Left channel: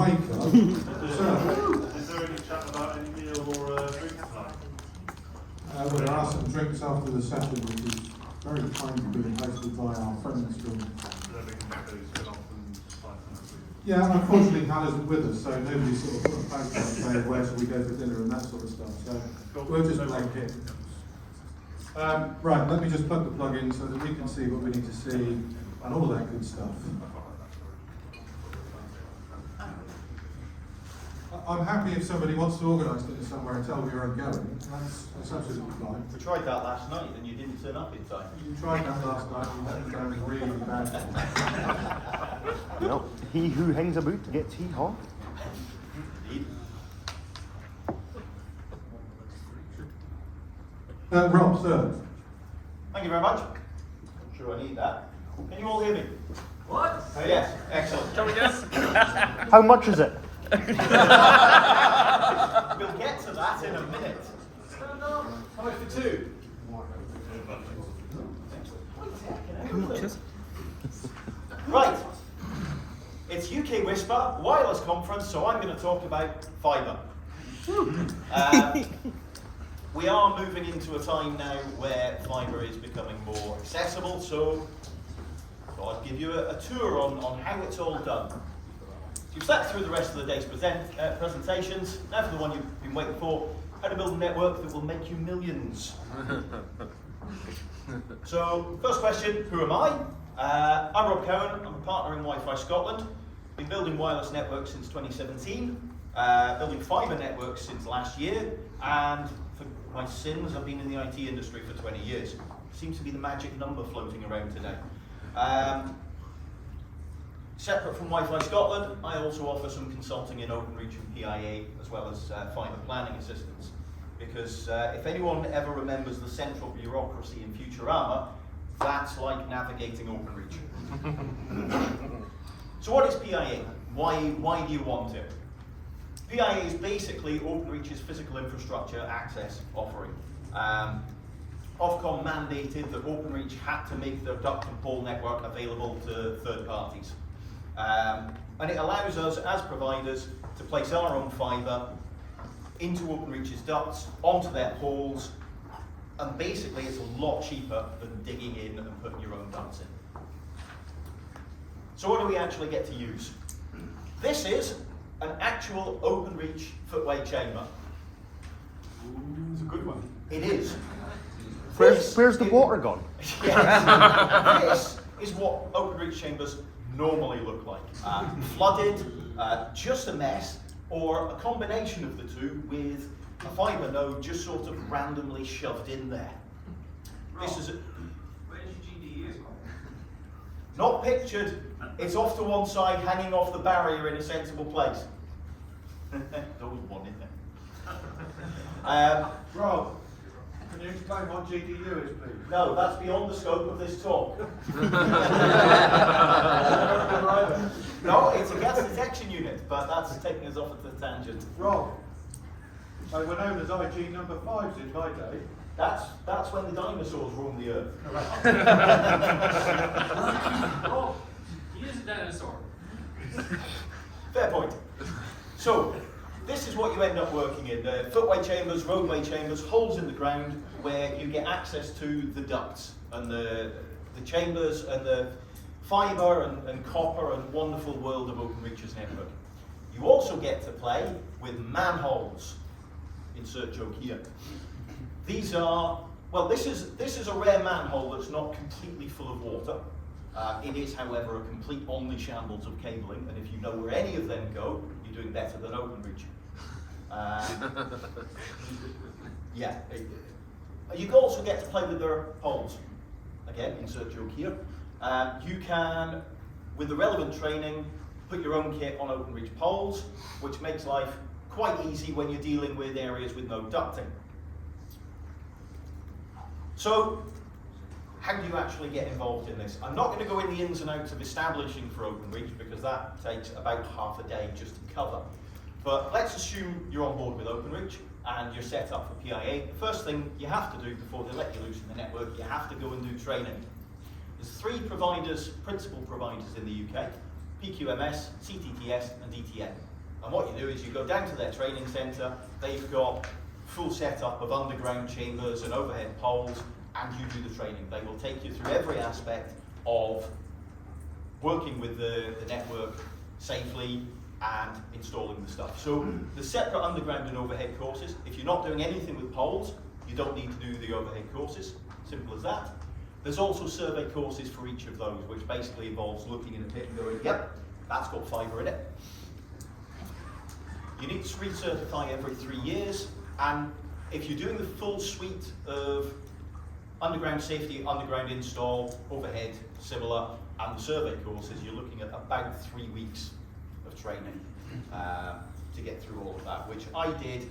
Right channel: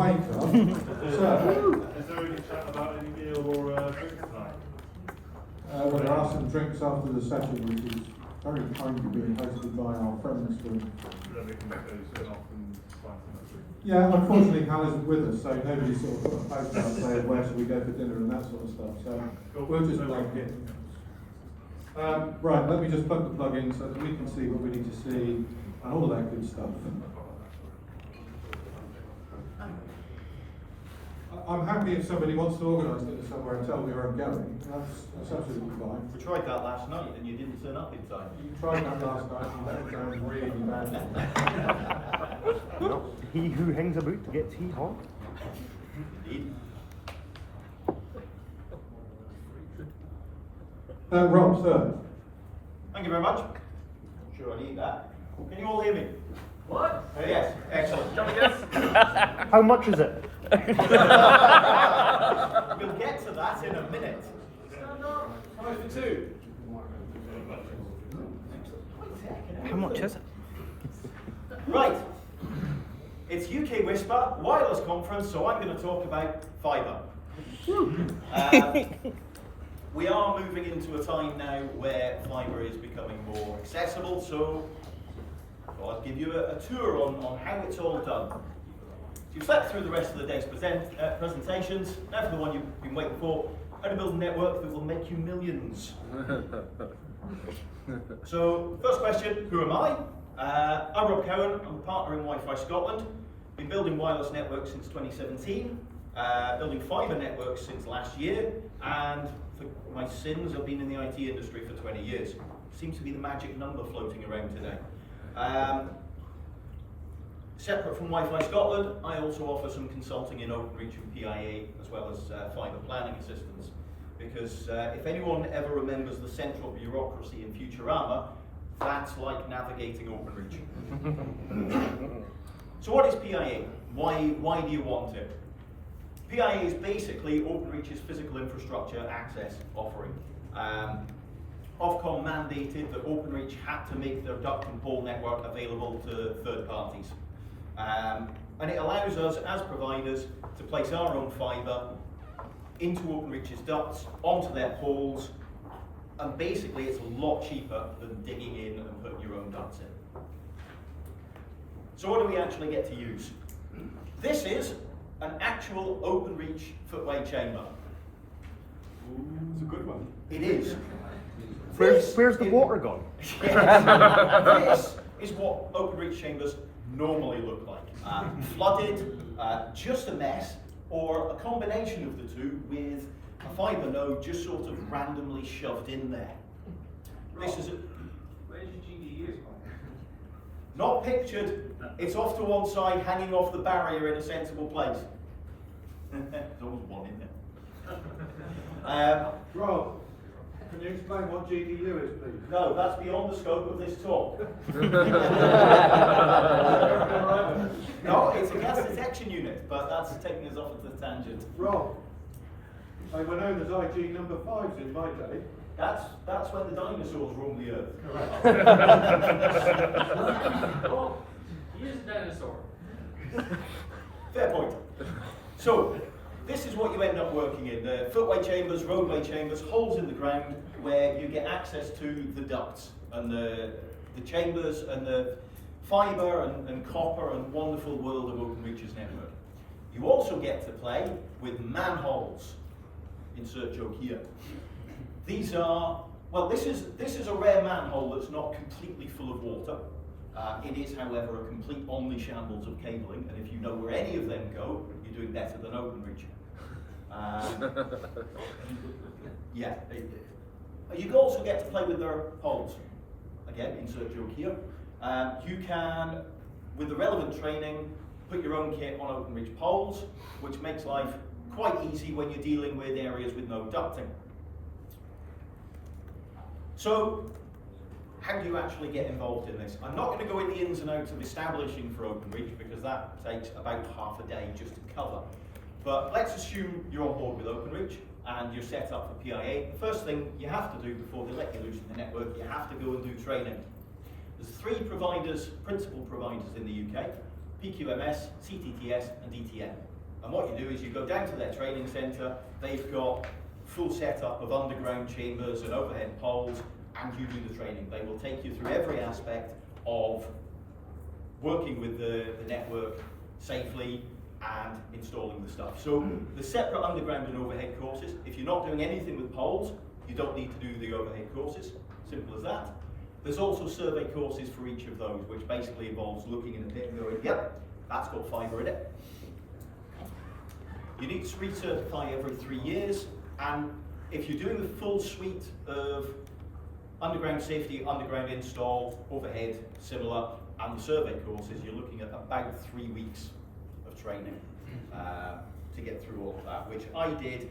waker. Sir? Is there any chat about any meal or drink tonight? Well, there are some drinks after the session, which is very kindly being hosted by our friends from... Then we can make those turn off and find something. Yeah, and unfortunately Hal isn't with us, so nobody sort of put a post out saying where should we go for dinner and that sort of stuff. So we'll just blank it. Right, let me just plug the plug in so that we can see what we need to see and all of that good stuff. I'm happy if somebody wants to organise dinner somewhere and tell me where I'm going. That's absolutely fine. We tried that last night and you didn't turn up in time. You tried that last night and that sounds really bad. He who hangs a boot gets he hot. Rob, sir. Thank you very much. I'm sure I need that. Can you all hear me? What? Oh yes, excellent. Shall we guess? How much is it? We'll get to that in a minute. How much for two? How much is it? Right. It's UKWISPA wireless conference, so I'm going to talk about fibre. We are moving into a time now where fibre is becoming more accessible, so I'll give you a tour on how it's all done. So you've slept through the rest of the day's presentations. Now for the one you've been waiting for, how to build a network that will make you millions. So, first question, who am I? I'm Rob Cowan, I'm a partner in Wi-Fi Scotland. Been building wireless networks since 2017, building fibre networks since last year, and for my sins, I've been in the IT industry for 20 years. Seems to be the magic number floating around today. Separate from Wi-Fi Scotland, I also offer some consulting in OpenReach and PIA, as well as fibre planning assistance. Because if anyone ever remembers the central bureaucracy in Futurama, that's like navigating OpenReach. So what is PIA? Why do you want it? PIA is basically OpenReach's physical infrastructure access offering. Ofcom mandated that OpenReach had to make their duct and pole network available to third parties. And it allows us as providers to place our own fibre into OpenReach's ducts, onto their poles, and basically it's a lot cheaper than digging in and putting your own ducts in. So what do we actually get to use? This is an actual OpenReach footway chamber. It's a good one. It is. Where's the water gone? Yes. This is what OpenReach chambers normally look like. Flooded, just a mess, or a combination of the two with a fibre node just sort of randomly shoved in there. This is Where's your GDUs? not pictured. It's off to one side, hanging off the barrier in a sensible place. There's always one in there. Rob, can you explain what GDU is, please? No, that's beyond the scope of this talk. No, it's a gas detection unit, but that's taking us off at the tangent. Rob, I will know there's IG number 5s in my day. That's when the dinosaurs roamed the earth. Oh, he is a dinosaur. Fair point. So, this is what you end up working in. Footway chambers, roadway chambers, holes in the ground where you get access to the ducts and the chambers and the fibre and copper and wonderful world of OpenReach's network. You also get to play with manholes. Insert joke here. These are, well, this is a rare manhole that's not completely full of water. It is, however, a complete only shambles of cabling, and if you know where any of them go, you're doing better than OpenReach. Yeah. You also get to play with their poles. Again, insert joke here. You can, with the relevant training, put your own kit on OpenReach poles, which makes life quite easy when you're dealing with areas with no ducting. So, how do you actually get involved in this? I'm not going to go in the ins and outs of establishing for OpenReach because that takes about half a day just to cover. But let's assume you're on board with OpenReach and you're set up for PIA. The first thing you have to do before they let you loose in the network, you have to go and do training. There's 3 providers, principal providers in the UK. PQMS, CTTS and DTN. And what you do is you go down to their training centre, they've got full setup of underground chambers and overhead poles, and you do the training. They will take you through every aspect of working with the network safely and installing the stuff. So the separate underground and overhead courses, if you're not doing anything with poles, you don't need to do the overhead courses, simple as that. There's also survey courses for each of those, which basically involves looking in a bit and going, yep, that's got fibre in it. You need to recertify every 3 years, and if you're doing the full suite of underground safety, underground install, overhead, similar, and the survey courses, you're looking at about 3 weeks of training to get through all of that, which I did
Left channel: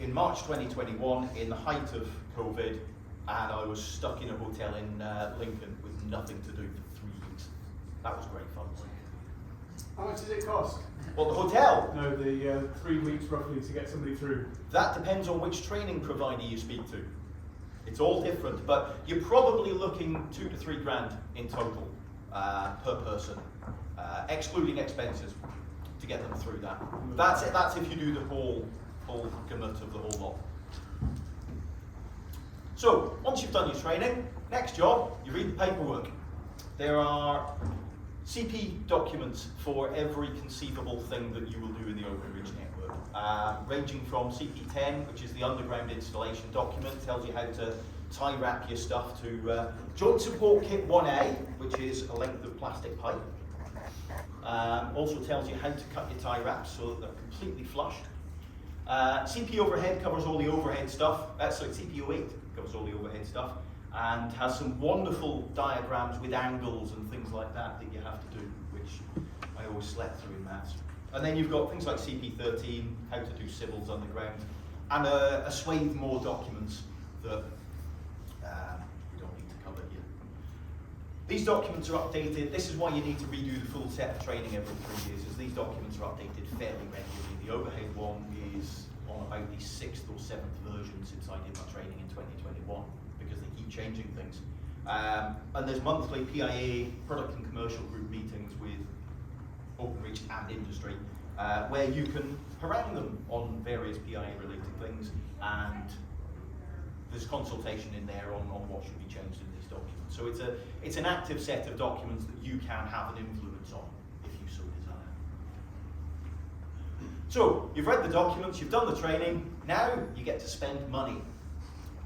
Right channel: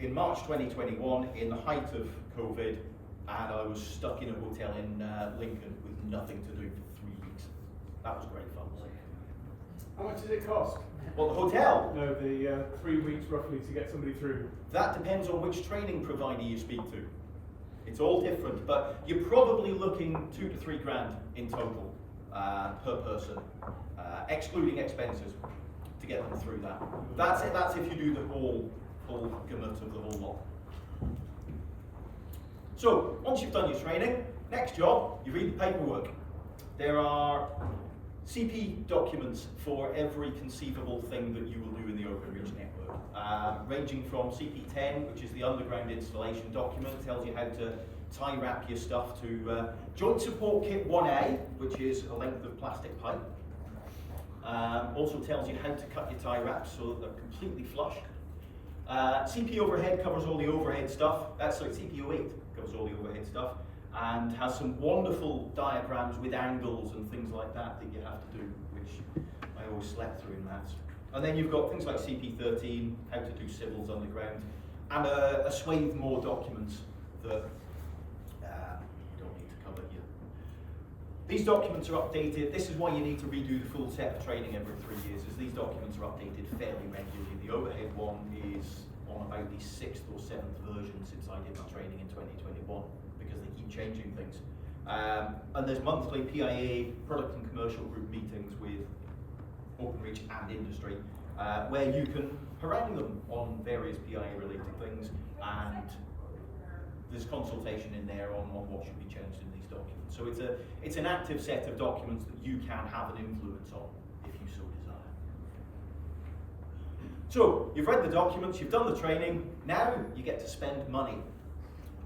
in March 2021 in the height of COVID, and I was stuck in a hotel in Lincoln with nothing to do for 3 weeks. That was great fun. How much does it cost? Well, the hotel, No, the 3 weeks roughly to get somebody through. that depends on which training provider you speak to. It's all different, but you're probably looking 2 to 3 grand in total per person, excluding expenses, to get them through that. That's it. That's if you do the whole gamut of the whole lot. So once you've done your training, next job, you read the paperwork. There are CP documents for every conceivable thing that you will do in the Open Reach network, ranging from CP10, which is the underground installation document, tells you how to tie wrap your stuff, to Joint Support Kit 1A, which is a length of plastic pipe. Also tells you how to cut your tie wraps so that they're completely flush. CP Overhead covers all the overhead stuff, CP08 covers all the overhead stuff, and has some wonderful diagrams with angles and things like that that you have to do, which I always slept through in maths. And then you've got things like CP13, how to do civils underground, and a swathe more documents that you don't need to cover here. These documents are updated. This is why you need to redo the full set of training every 3 years, as these documents are updated fairly regularly. The overhead one is on about the 6th or 7th version since I did my training in 2021, because they keep changing things. And there's monthly PIA, product and commercial group meetings with OpenReach and industry, where you can harangue them on various PIA related things, and there's consultation in there on what should be changed in these documents. So it's an active set of documents that you can have an influence on if you so desire. So you've read the documents, you've done the training, now you get to spend money.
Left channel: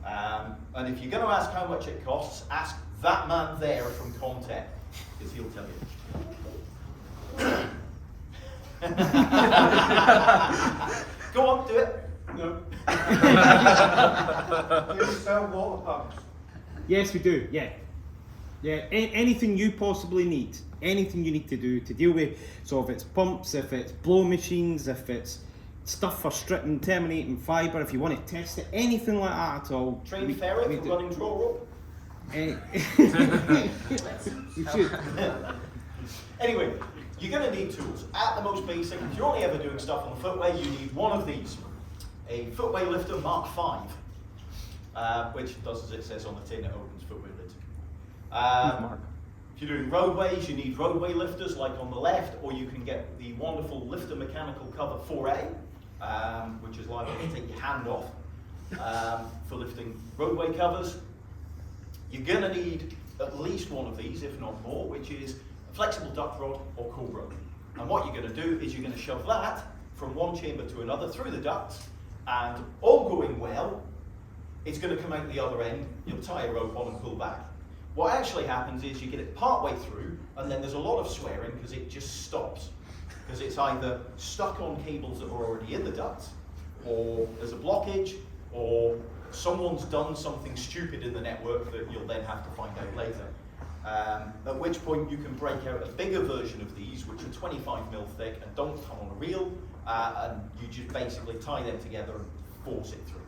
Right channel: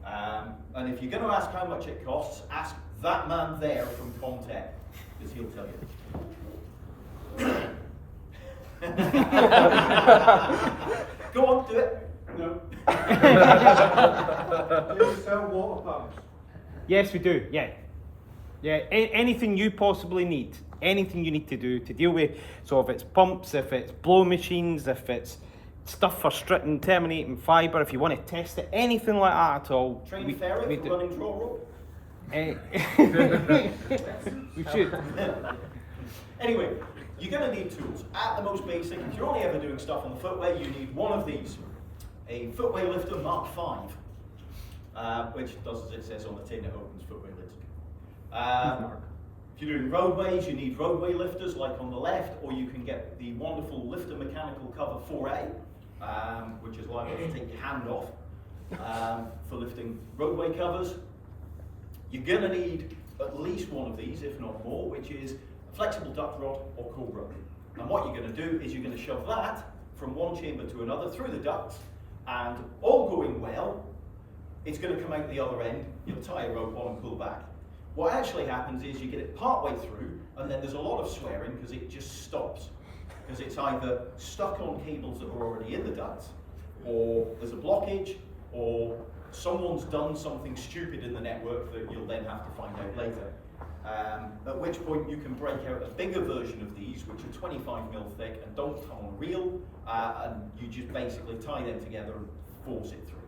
And if you're going to ask how much it costs, ask that man there from Comtech, because he'll tell you. Go on, do it. No. Do you sell water pumps? Yes, we do. Yeah. Anything you possibly need, anything you need to do to deal with. So if it's pumps, if it's blow machines, if it's stuff for stripping, terminating fibre, if you want to test it, anything like that at all. Train ferret for running draw rope. We should. Anyway, you're going to need tools. At the most basic, if you're only ever doing stuff on the footway, you need one of these. A footway lifter Mark V, which does as it says on the tin, it opens footway lids. If you're doing roadways, you need roadway lifters like on the left, or you can get the wonderful lifter mechanical cover 4A, which is liable to take your hand off for lifting roadway covers. You're going to need at least one of these, if not more, which is a flexible duct rod or cobra. And what you're going to do is you're going to shove that from one chamber to another through the ducts, and all going well, it's going to come out the other end. You'll tie a rope on and pull back. What actually happens is you get it part way through, and then there's a lot of swearing because it just stops. Because it's either stuck on cables that are already in the ducts, or there's a blockage, or someone's done something stupid in the network that you'll then have to find out later. At which point you can break out a bigger version of these, which are 25mm thick and don't come on a reel, and you just basically tie them together and force it through.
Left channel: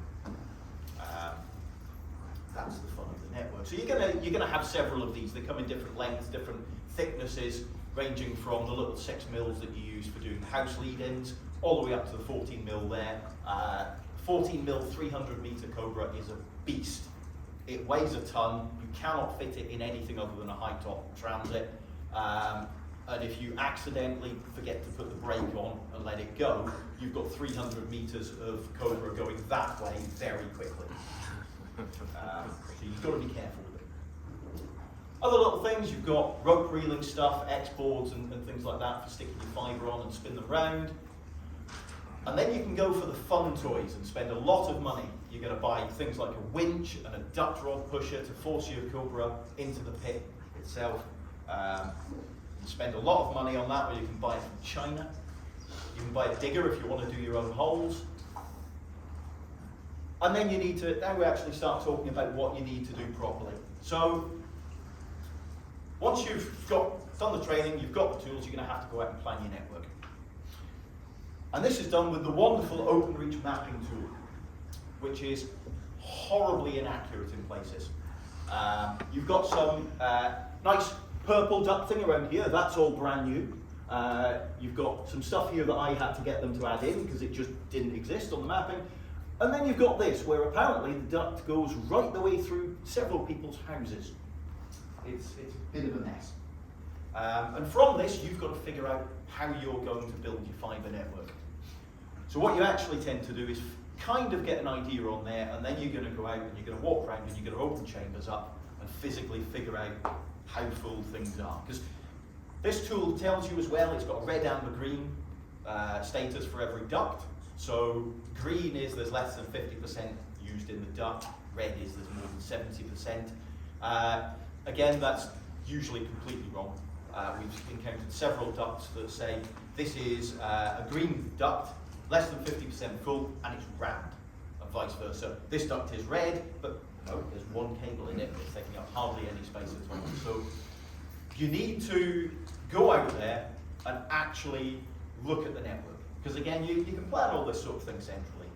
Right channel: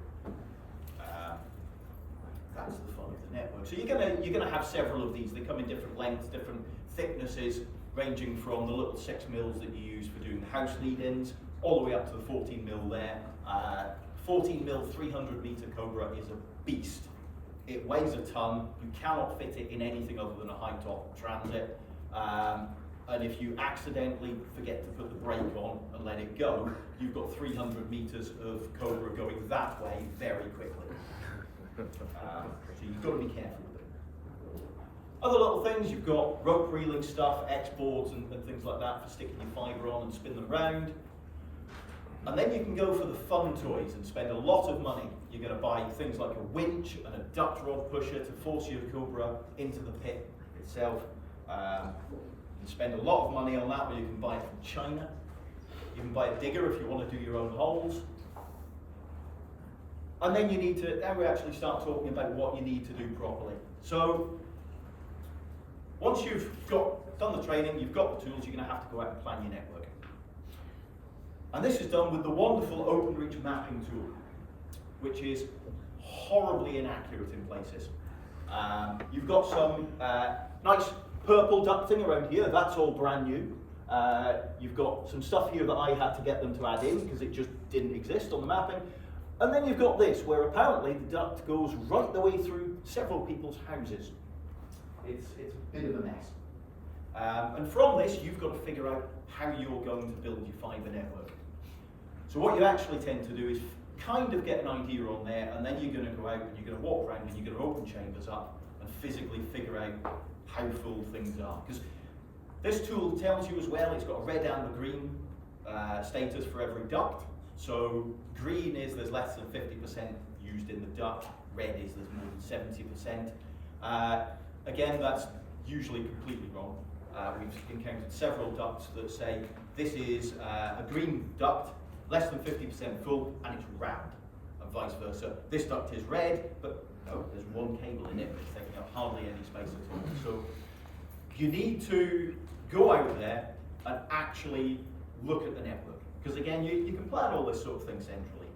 That's the fun of the network. So you're gonna have several of these. They come in different lengths, different thicknesses, ranging from the little 6mm that you use for doing house lead-ins, all the way up to the 14mm there. 14mm 300-meter Cobra is a beast. It weighs a ton. You cannot fit it in anything other than a high-top transit. And if you accidentally forget to put the brake on and let it go, you've got 300 meters of cobra going that way very quickly. So you've got to be careful with it. Other little things, you've got rope reeling stuff, X-boards and things like that for sticking your fibre on and spin them round. And then you can go for the fun toys and spend a lot of money. You're going to buy things like a winch and a duct rod pusher to force your cobra into the pit itself. You spend a lot of money on that, where you can buy it from China. You can buy a digger if you want to do your own holes. And then you need to, now we actually start talking about what you need to do properly. So, once you've done the training, you've got the tools, you're going to have to go out and plan your network. And this is done with the wonderful OpenReach mapping tool, which is horribly inaccurate in places. You've got some nice purple ducting around here, that's all brand new. You've got some stuff here that I had to get them to add in because it just didn't exist on the mapping. And then you've got this, where apparently the duct goes right the way through several people's houses. It's a bit of a mess. And from this, you've got to figure out how you're going to build your fibre network. So what you actually tend to do is kind of get an idea on there, and then you're going to go out and you're going to walk around and you're going to open chambers up and physically figure out how full things are. Because this tool tells you as well, it's got a red, amber, green status for every duct. So green is there's less than 50% used in the duct, red is there's more than 70%. Again, that's usually completely wrong. We've encountered several ducts that say this is a green duct, less than 50% full, and it's round, and vice versa. This duct is red, but no, there's one cable in it that's taking up hardly any space at all. So you need to go out there and actually look at the network. Because again, you can plan all this sort of thing centrally.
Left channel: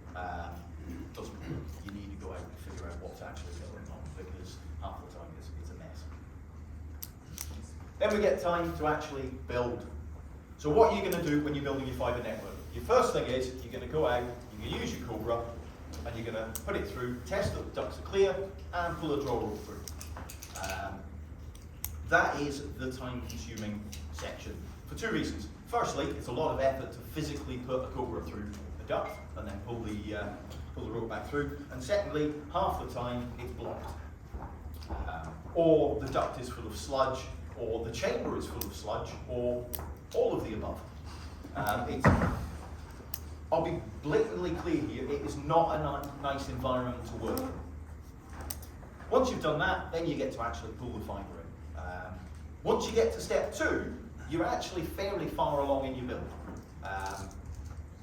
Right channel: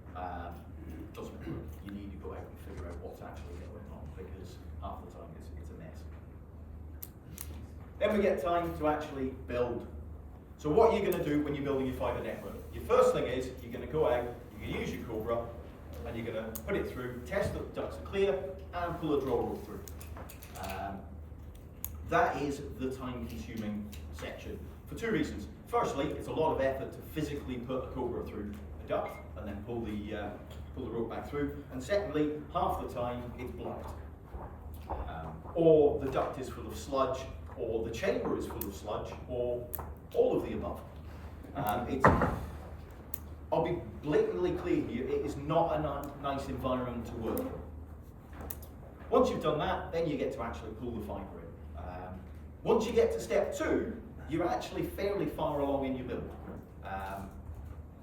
It doesn't work. You need to go out and figure out what's actually going on, because half the time it's a mess. Then we get time to actually build. So what are you going to do when you're building your fibre network? Your first thing is you're going to go out, you're going to use your Cobra, and you're going to put it through, test that the ducts are clear, and pull a draw rope through. That is the time-consuming section for two reasons. Firstly, it's a lot of effort to physically put a Cobra through a duct and then pull the rope back through. And secondly, half the time it's blocked. Or the duct is full of sludge, or the chamber is full of sludge, or all of the above. I'll be blatantly clear here, it is not a nice environment to work in. Once you've done that, then you get to actually pull the fibre in. Once you get to step 2, you're actually fairly far along in your build.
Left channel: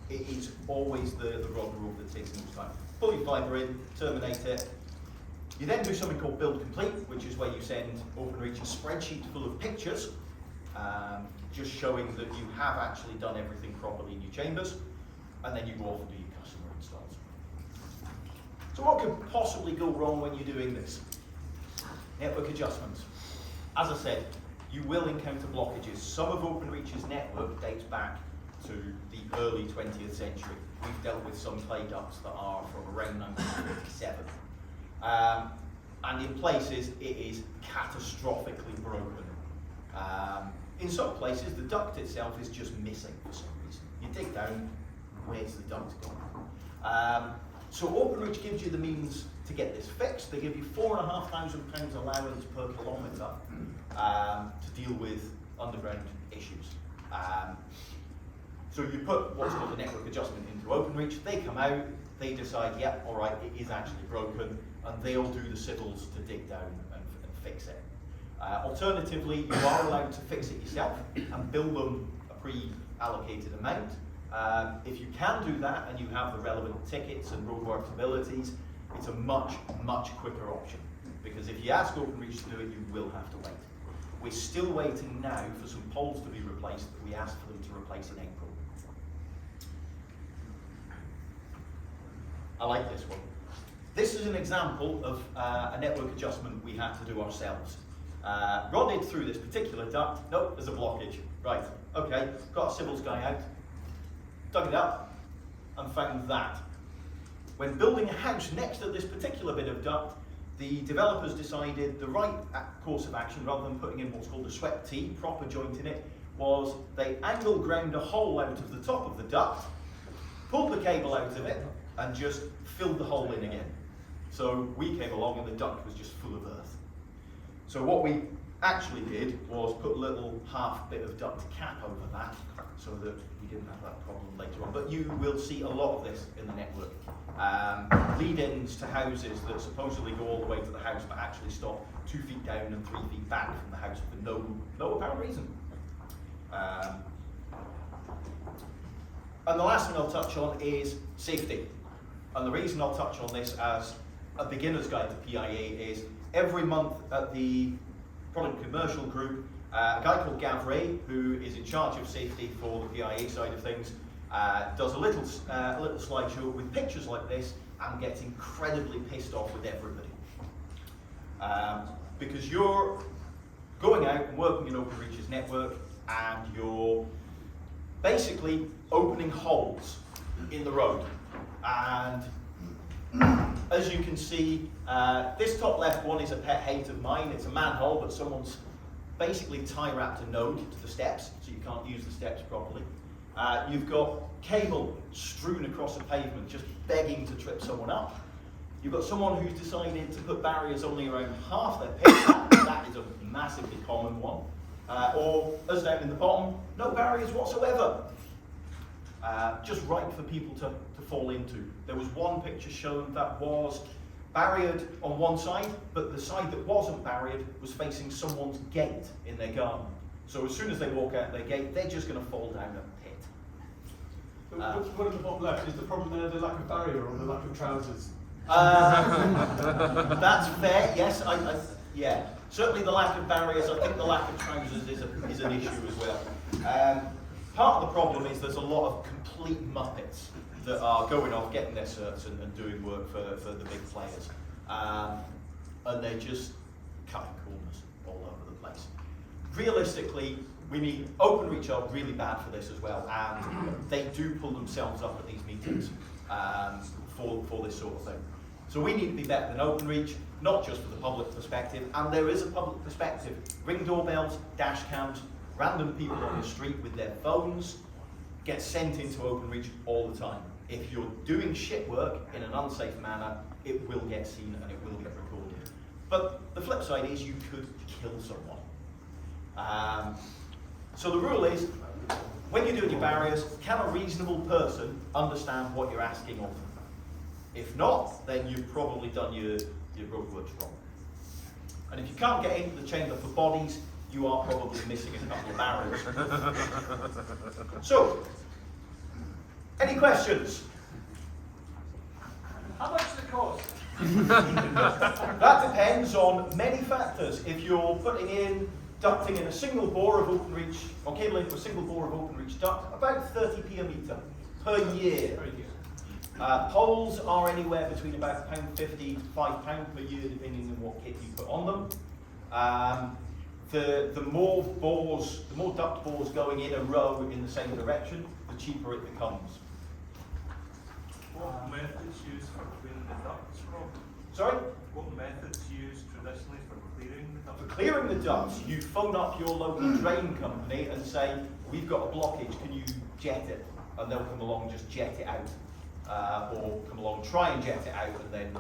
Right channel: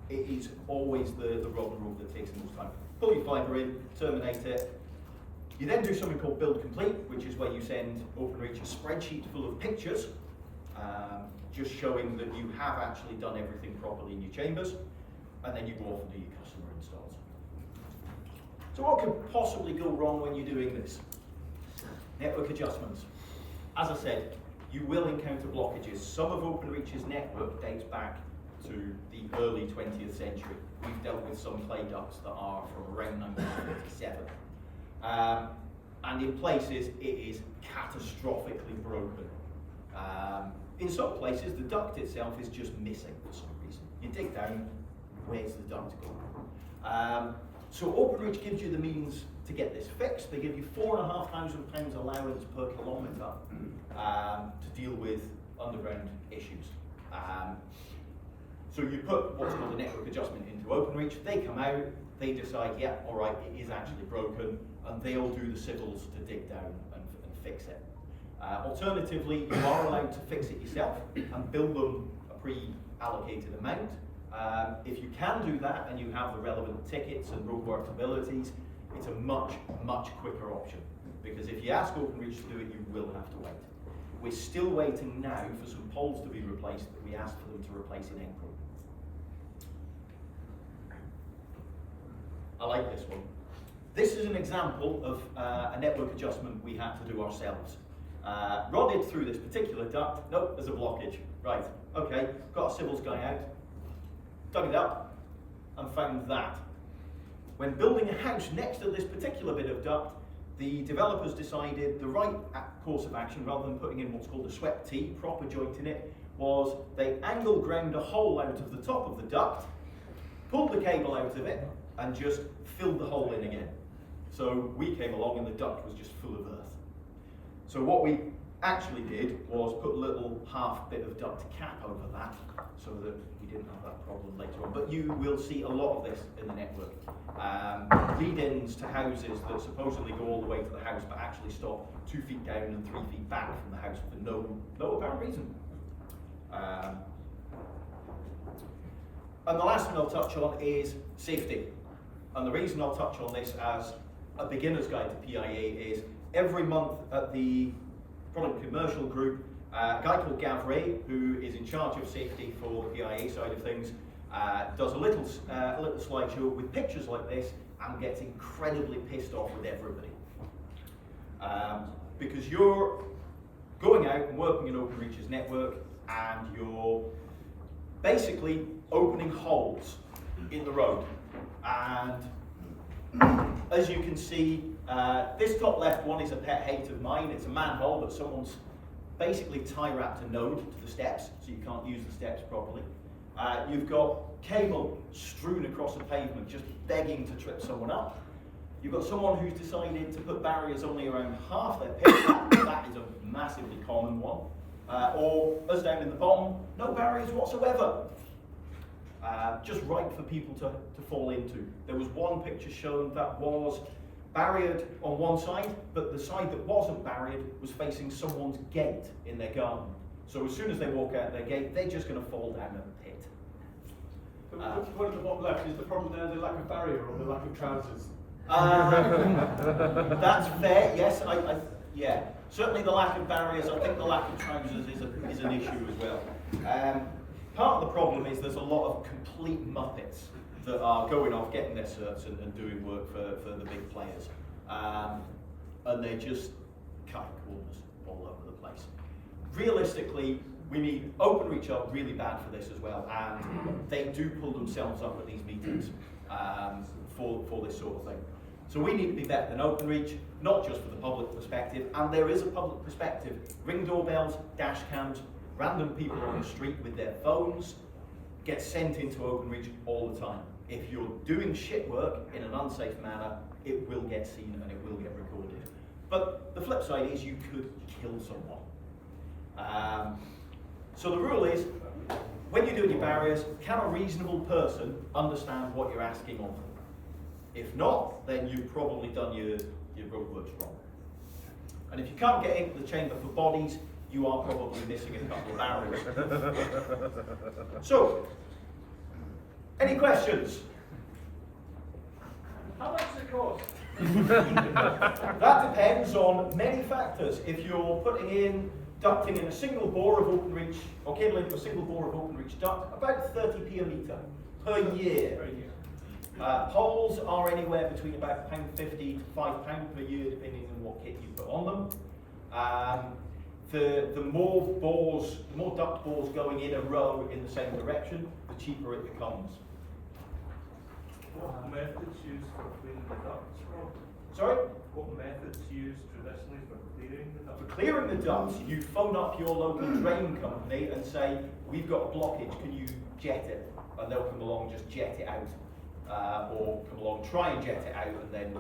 It is always the rod rope that takes the most time. Pull your fibre in, terminate it. You then do something called build complete, which is where you send OpenReach a spreadsheet full of pictures, just showing that you have actually done everything properly in your chambers, and then you go off and do your customer installs. So what could possibly go wrong when you're doing this? Network adjustments. As I said, you will encounter blockages. Some of OpenReach's network dates back to the early 20th century. We've dealt with some clay ducts that are from around 1957. And in places, it is catastrophically broken. In some places, the duct itself is just missing for some reason. You dig down, where's the duct gone? So OpenReach gives you the means to get this fixed. They give you £4,500 allowance per kilometre to deal with underground issues. So you put what's called a network adjustment into OpenReach, they come out, they decide, yeah, all right, it is actually broken, and they'll do the civils to dig down and fix it. Alternatively, you are allowed to fix it yourself and bill them a pre-allocated amount. If you can do that and you have the relevant tickets and roadworks abilities, it's a much, much quicker option. Because if you ask OpenReach to do it, you will have to wait. We're still waiting now for some poles to be replaced that we asked for them to replace in April. I like this one. This is an example of a network adjustment we had to do ourselves. Rodded through this particular duct, nope, there's a blockage. Right, okay, got a civils guy out, dug it up, and found that. When building a house next to this particular bit of duct, the developers decided the right course of action, rather than putting in what's called a swept T, proper joint in it, was they angle ground a hole out of the top of the duct, pulled the cable out of it, and just filled the hole in again. So we came along and the duct was just full of earth. So what we actually did was put a little half bit of duct cap over that so that we didn't have that problem later on. But you will see a lot of this in the network. Lead-ins to houses that supposedly go all the way to the house but actually stop 2 feet down and 3 feet back from the house for no apparent reason. And the last thing I'll touch on is safety. And the reason I'll touch on this as a beginner's guide to PIA is every month at the Product Commercial Group, a guy called Gav Ray, who is in charge of safety for the PIA side of things, does a little slideshow with pictures like this and gets incredibly pissed off with everybody. Because you're going out and working in OpenReach's network and you're basically opening holes in the road. And as you can see, this top left one is a pet hate of mine. It's a manhole, but someone's basically tie-wrapped a node to the steps, so you can't use the steps properly. You've got cable strewn across a pavement, just begging to trip someone up. You've got someone who's decided to put barriers only around half their pitch. That is a massively common one. Or, as down in the bottom, no barriers whatsoever. Just right for people to fall into. There was one picture shown that was barriered on one side, but the side that wasn't barriered was facing someone's gate in their garden. So as soon as they walk out their gate, they're just going to fall down a pit. Which one at the bottom left is the problem there, the lack of barrier or the lack of trousers? That's fair, yes. Yeah, certainly the lack of barriers. I think the lack of trousers is an issue as well. Part of the problem is there's a lot of complete muppets that are going off, getting their certs and doing work for the big players. And they just cut corners all over the place. Realistically, we need OpenReach are really bad for this as well, and they do pull themselves up at these meetings for this sort of thing. So we need to be better than OpenReach, not just for the public perspective, and there is a public perspective. Ring doorbells, dash cams, random people on the street with their phones get sent into OpenReach all the time. If you're doing shit work in an unsafe manner, it will get seen and it will get recorded. But the flip side is you could kill someone. So the rule is, when you're doing your barriers, can a reasonable person understand what you're asking of them? If not, then you've probably done your roadworks wrong. And if you can't get into the chamber for bodies, you are probably missing a couple of barriers. So, any questions? How much does it cost? That depends on many factors. If you're putting in ducting in a single bore of OpenReach, or cabling into a single bore of OpenReach duct, about 30p a metre per year. Poles are anywhere between about £1.50 to £5 per year, depending on what kit you put on them. The more bores, the more duct bores going in a row in the same direction, the cheaper it becomes. What methods used for clearing the ducts, Rob? Sorry? What methods used traditionally for clearing the ducts? For clearing the ducts, you phone up your local drain company and say, we've got a blockage, can you jet it? And they'll come along and just jet it out. Or come along, try and jet it out, and then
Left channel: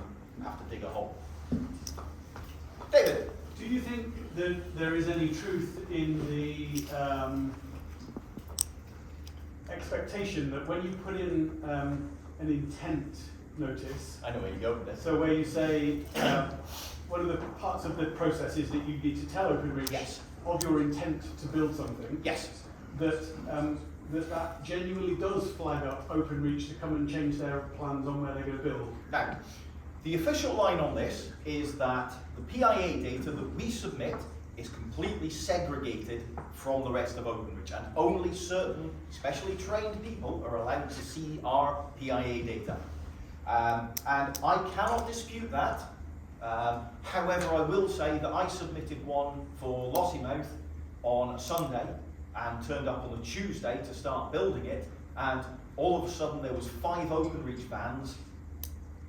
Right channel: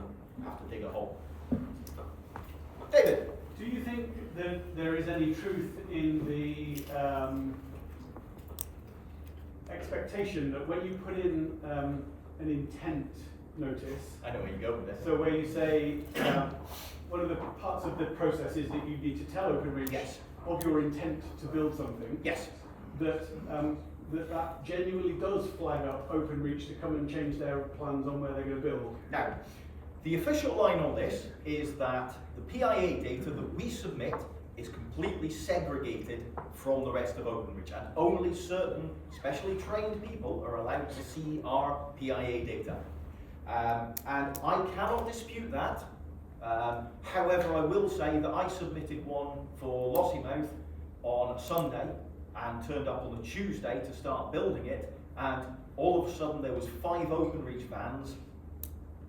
have to dig a hole. David? Do you think that there is any truth in the expectation that when you put in an intent notice, I know where you go with this. so where you say one of the parts of the process is that you need to tell OpenReach Yes. of your intent to build something, Yes. that that genuinely does flag up OpenReach to come and change their plans on where they're going to build? Now, the official line on this is that the PIA data that we submit is completely segregated from the rest of OpenReach, and only certain specially trained people are allowed to see our PIA data. And I cannot dispute that. However, I will say that I submitted one for Lossymouth on a Sunday and turned up on a Tuesday to start building it, and all of a sudden there was 5 OpenReach vans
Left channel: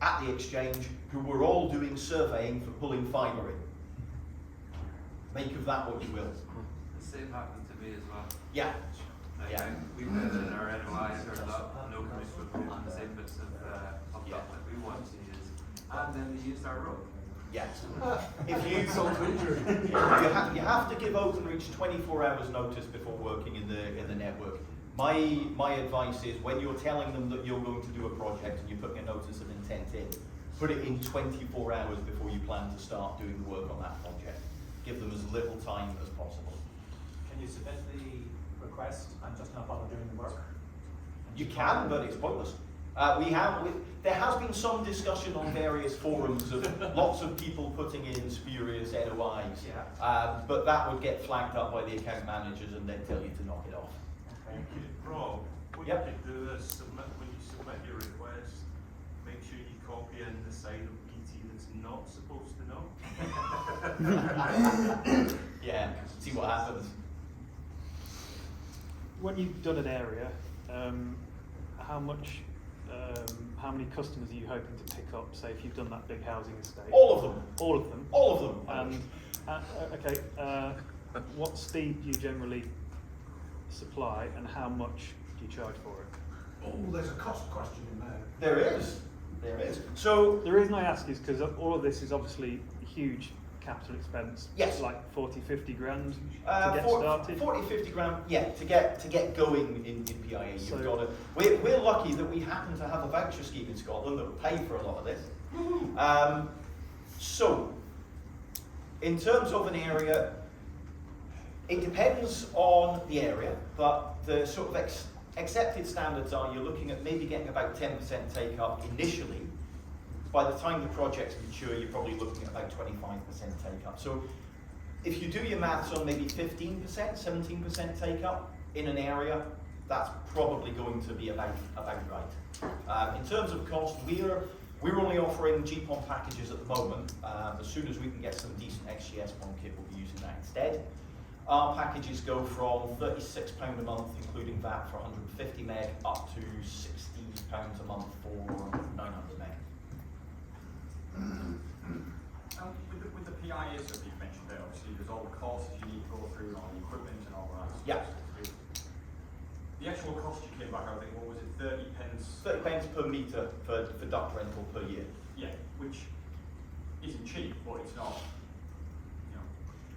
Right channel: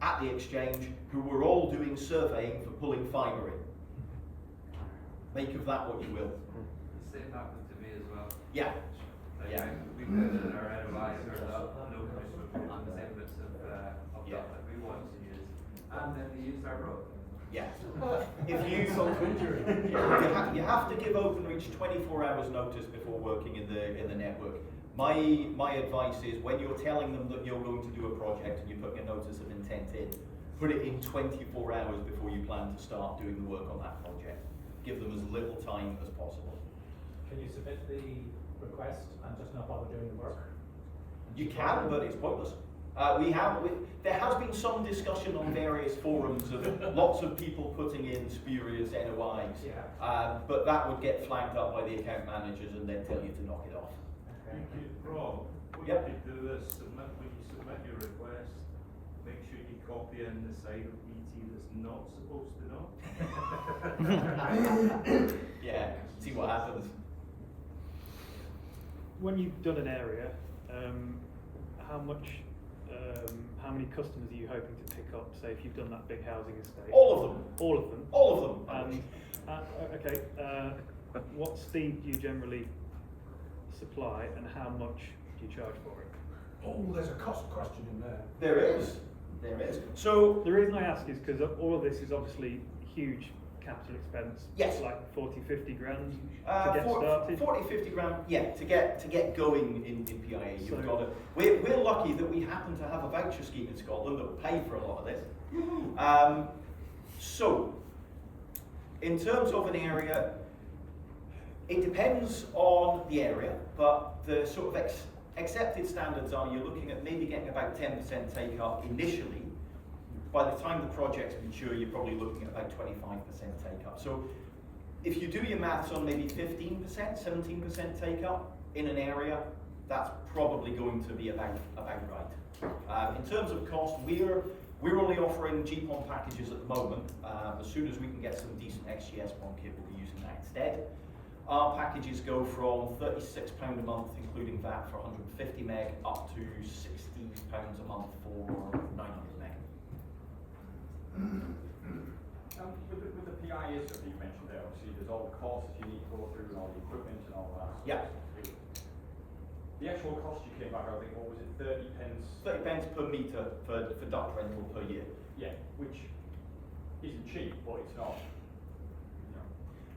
at the exchange who were all doing surveying for pulling fibre in. Make of that what you will. The same happened to me as well. Yeah. Yeah. We put in our NOIs or local municipal on the same bits of Yeah. stuff that we want to use, and then they use our road. Yeah. If you you have to give Openreach 24 hours notice before working in the network. My advice is when you're telling them that you're going to do a project and you're putting a notice of intent in, put it in 24 hours before you plan to start doing the work on that project. Give them as little time as possible. Can you submit the request and just not bother doing the work? You can, but it's pointless. There has been some discussion on various forums of lots of people putting in spurious NOIs, but that would get flagged up by the account managers and then tell you to knock it off. Rob, what Yep. you could do is when you submit your request, make sure you copy in the side of BT that's not supposed to know. Yeah, see what happens. When you've done an area, how many customers are you hoping to pick up? Say, if you've done that big housing estate. All of them. All of them. All of them. Okay. What speed do you generally supply, and how much do you charge for it? Oh, there's a cost question in there. There is. There is. So The reason I ask is because all of this is obviously huge capital expense. Yes. Like 40, 50 grand to get started. 40, 50 grand, yeah, to get going in PIA, you've So- got to. We're lucky that we happen to have a voucher scheme in Scotland that will pay for a lot of this. So, in terms of an area, it depends on the area, but the sort of accepted standards are you're looking at maybe getting about 10% take up initially. By the time the project's mature, you're probably looking at about 25% take up. So if you do your maths on maybe 15%, 17% take up in an area, that's probably going to be about right. In terms of cost, we're only offering GPON packages at the moment. As soon as we can get some decent XGS-PON kit, we'll be using that instead. Our packages go from £36 a month, including VAT, for 150 meg, up to £60 a month for 900 meg. With the PIA stuff you've mentioned there, obviously there's all the courses you need to go through and all the equipment and all that. Yeah. The actual cost you came back, I think, what was it, 30 pence? 30 pence per metre for duct rental per year. Yeah, which isn't cheap, but it's not,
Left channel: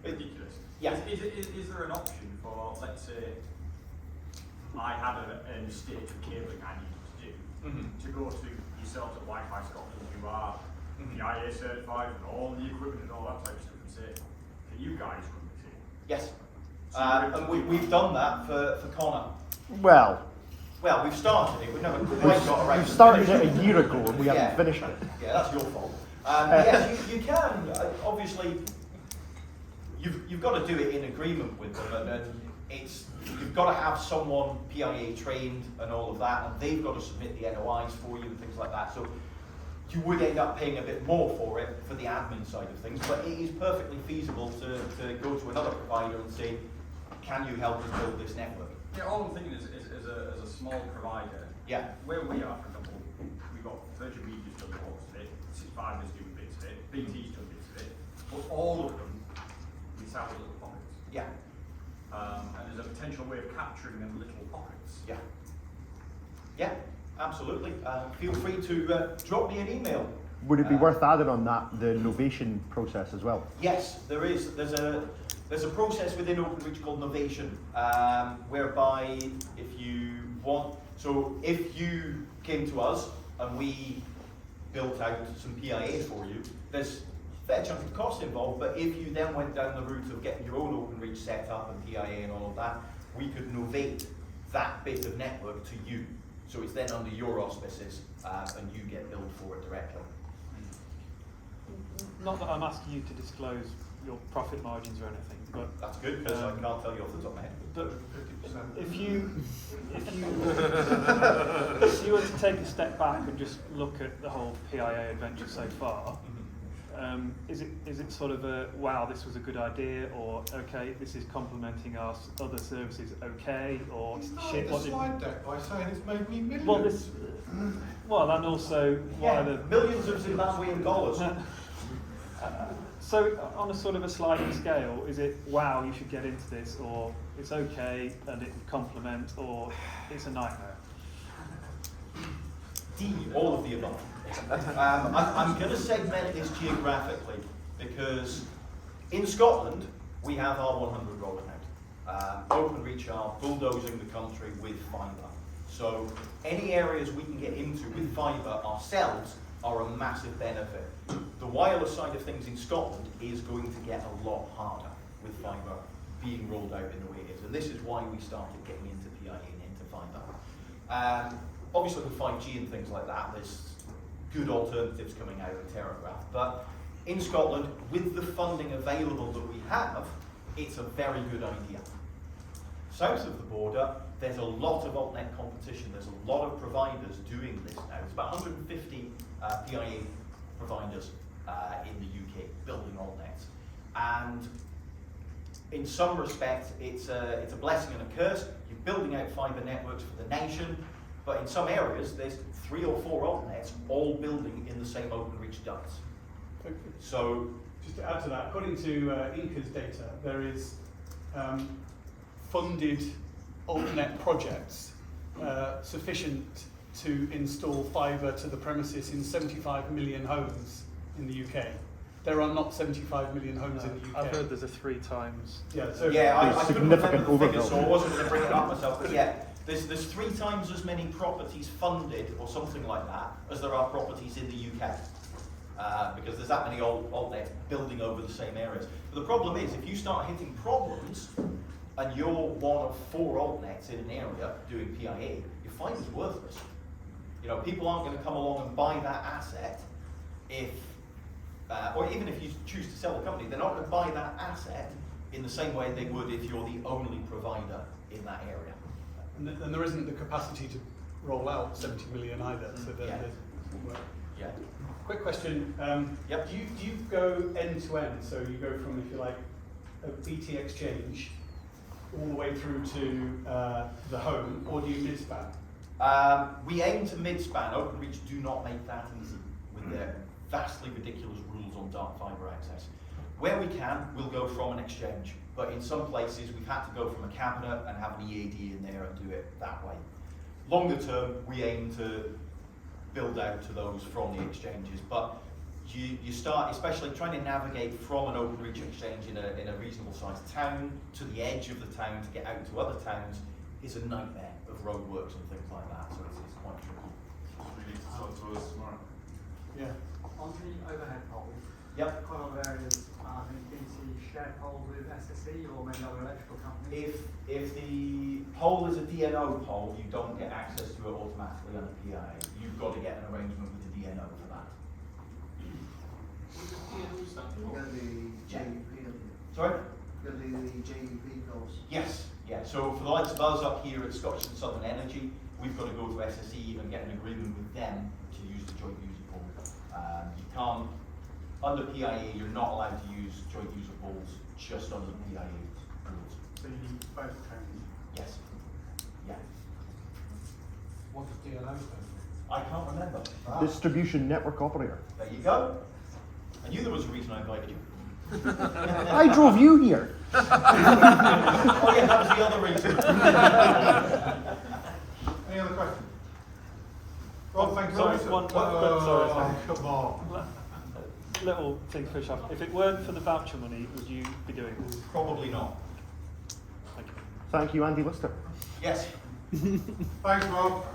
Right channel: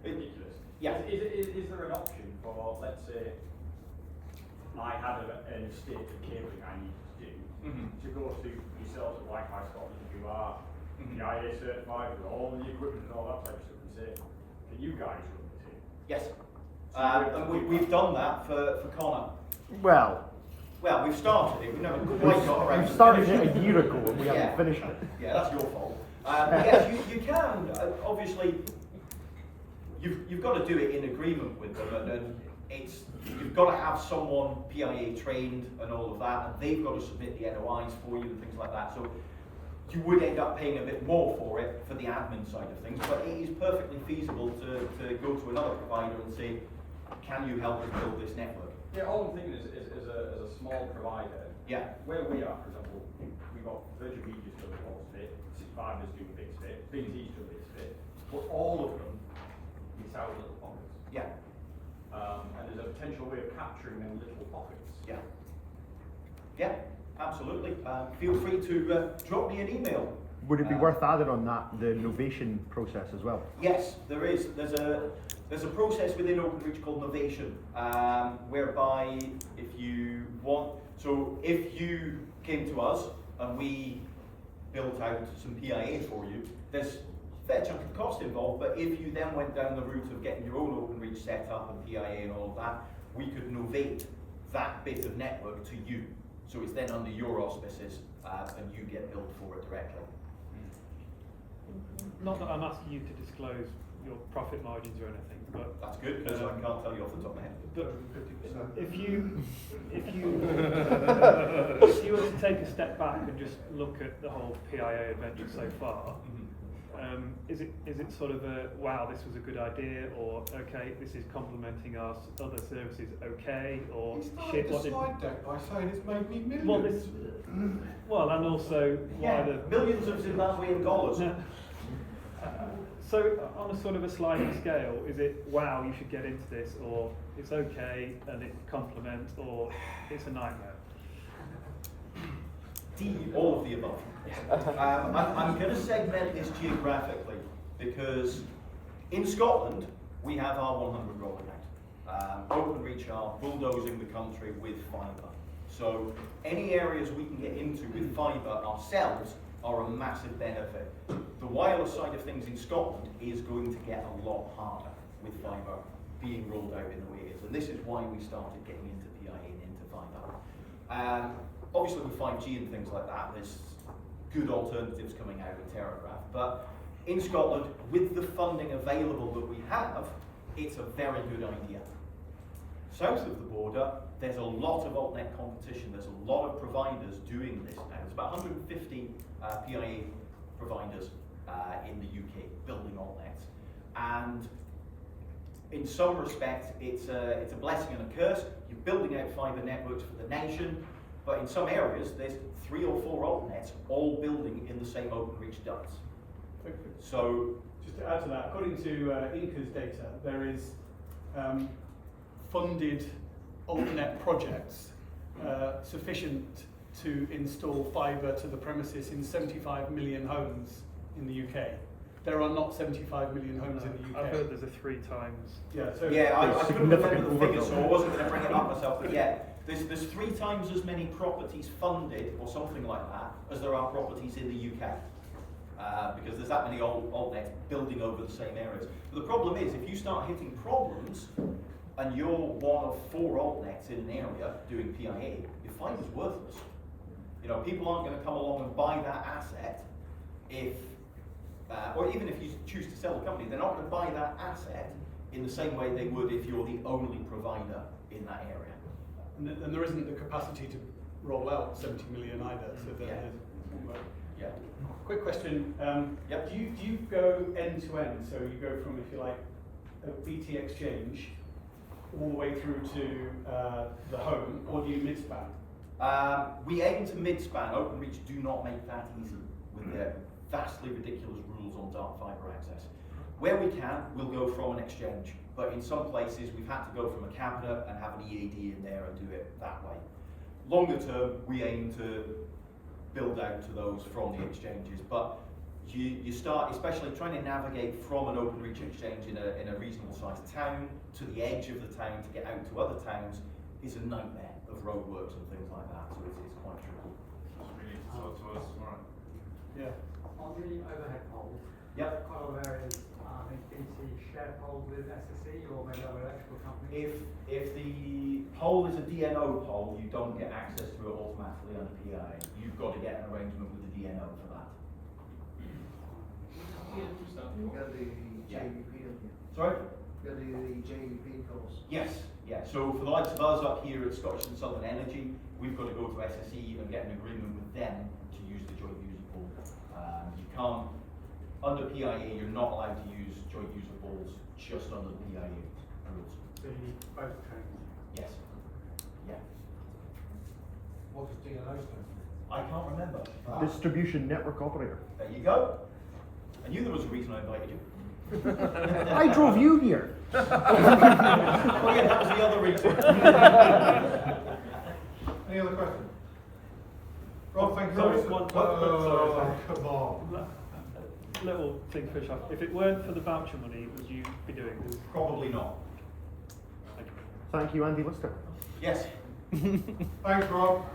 ridiculous. Yeah. Is there an option for, let's say, I had an estate of cabling I needed to do, to go to yourselves at Wi-Fi Scotland, who are PIA certified with all the equipment and all that type of stuff, and say, can you guys run the team? Yes. And we've done that for Connor. Well, Well, we've started it, we've never quite got around we to started it finishing a year ago and we Yeah. haven't finished it. Yeah, that's your fault. Yes, you can, obviously, you've got to do it in agreement with them, and you've got to have someone PIA trained and all of that, and they've got to submit the NOIs for you and things like that. So you would end up paying a bit more for it for the admin side of things, but it is perfectly feasible to go to another provider and say, can you help us build this network? Yeah, all I'm thinking is as a small provider, Yeah. where we are, for example, we've got Virgin Media's done most of it, 65 is doing bits of it, BT's done bits of it, but all of them miss out little pockets. Yeah. And there's a potential way of capturing them little pockets. Yeah. Yeah, absolutely. Feel free to drop me an email. Would it be worth adding on that the novation process as well? Yes, there is. There's a process within OpenReach called novation, whereby if you came to us and we built out some PIA for you, there's a fair chunk of cost involved, but if you then went down the route of getting your own OpenReach set up and PIA and all of that, we could novate that bit of network to you. So it's then under your auspices, and you get billed for it directly. Not that I'm asking you to disclose your profit margins or anything, but That's good, because I can't tell you off the top of my head. but if you were to take a step back and just look at the whole PIA adventure so far, is it sort of a wow, this was a good idea, or okay, this is complementing our other services, okay, or shit, what did deck by saying it's made me millions. well, and also Yeah, what are the millions of Zimbabwean dollars. So on a sort of a sliding scale, is it wow, you should get into this, or it's okay and it complements, or it's a nightmare? D, all of the above. I'm going to segment this geographically because in Scotland we have our 100 roll out. Openreach are bulldozing the country with fibre. So any areas we can get into with fibre ourselves are a massive benefit. The wireless side of things in Scotland is going to get a lot harder with fibre being rolled out in the way it is. And this is why we started getting into PIA and into fibre. Obviously with 5G and things like that, there's good alternatives coming out of Telegraph. But in Scotland, with the funding available that we have, it's a very good idea. South of the border, there's a lot of altnet competition. There's a lot of providers doing this now. There's about 150 PIA providers in the UK building altnets. And in some respects, it's a blessing and a curse. You're building out fibre networks for the nation, but in some areas, there's 3 or 4 altnets all building in the same Openreach ducts. So, just to add to that, according to Inca's data, there is funded altnet projects sufficient to install fibre to the premises in 75 million homes in the UK. There are not 75 million homes in the UK. I've heard there's a 3 times. Yeah, so yeah, I couldn't remember the figures, so I overbuild. wasn't going to bring it up myself, but yeah, there's 3 times as many properties funded, or something like that, as there are properties in the UK. Because there's that many altnets building over the same areas. But the problem is, if you start hitting problems, and you're one of 4 altnets in an area doing PIA, your fiber's worthless. You know, people aren't going to come along and buy that asset if, or even if you choose to sell the company, they're not going to buy that asset in the same way they would if you're the only provider in that area. and there isn't the capacity to roll out 70 million either. So Yeah. Yeah. Quick question. Yep. Do you go end to end? So you go from, if you like, a BT exchange all the way through to the home, or do you mid-span? We aim to mid-span. Openreach do not make that easy with their vastly ridiculous rules on dark fibre access. Where we can, we'll go from an exchange, but in some places we've had to go from a cabinet and have an EAD in there and do it that way. Longer term, we aim to build out to those from the exchanges, but you start, especially trying to navigate from an Openreach exchange in a reasonable sized town to the edge of the town to get out to other towns is a nightmare of roadworks and things like that, so it's quite tricky. We need to talk to us tomorrow. Yeah. On the overhead poles, Yep. quite a lot of areas, I think BT share poles with SSE or maybe other electrical companies. If the pole is a DNO pole, you don't get access to it automatically under PIA. You've got to get an arrangement with the DNO for that. You're going to do the Yeah. JUP, aren't you? Sorry? You're going to do the JUP course. Yes, yeah. So for the likes of us up here at Scottish and Southern Energy, we've got to go to SSE and get an agreement with them to use the joint user pool. You can't, under PIA, you're not allowed to use joint user pools just under the PIA rules. So you need both trains. Yes. Yeah. What does DNO stand for? I can't remember. Distribution network operator. There you go. I knew there was a reason I invited you. I drove you here. Oh yeah, that was the other reason. Any other questions? Rob, thanks Sorry, so much. sorry. Come on. Little thing to finish off. If it weren't for the voucher money, would you be doing this? Probably not. Thank you, Andy Lister. Yes. Thanks, Rob.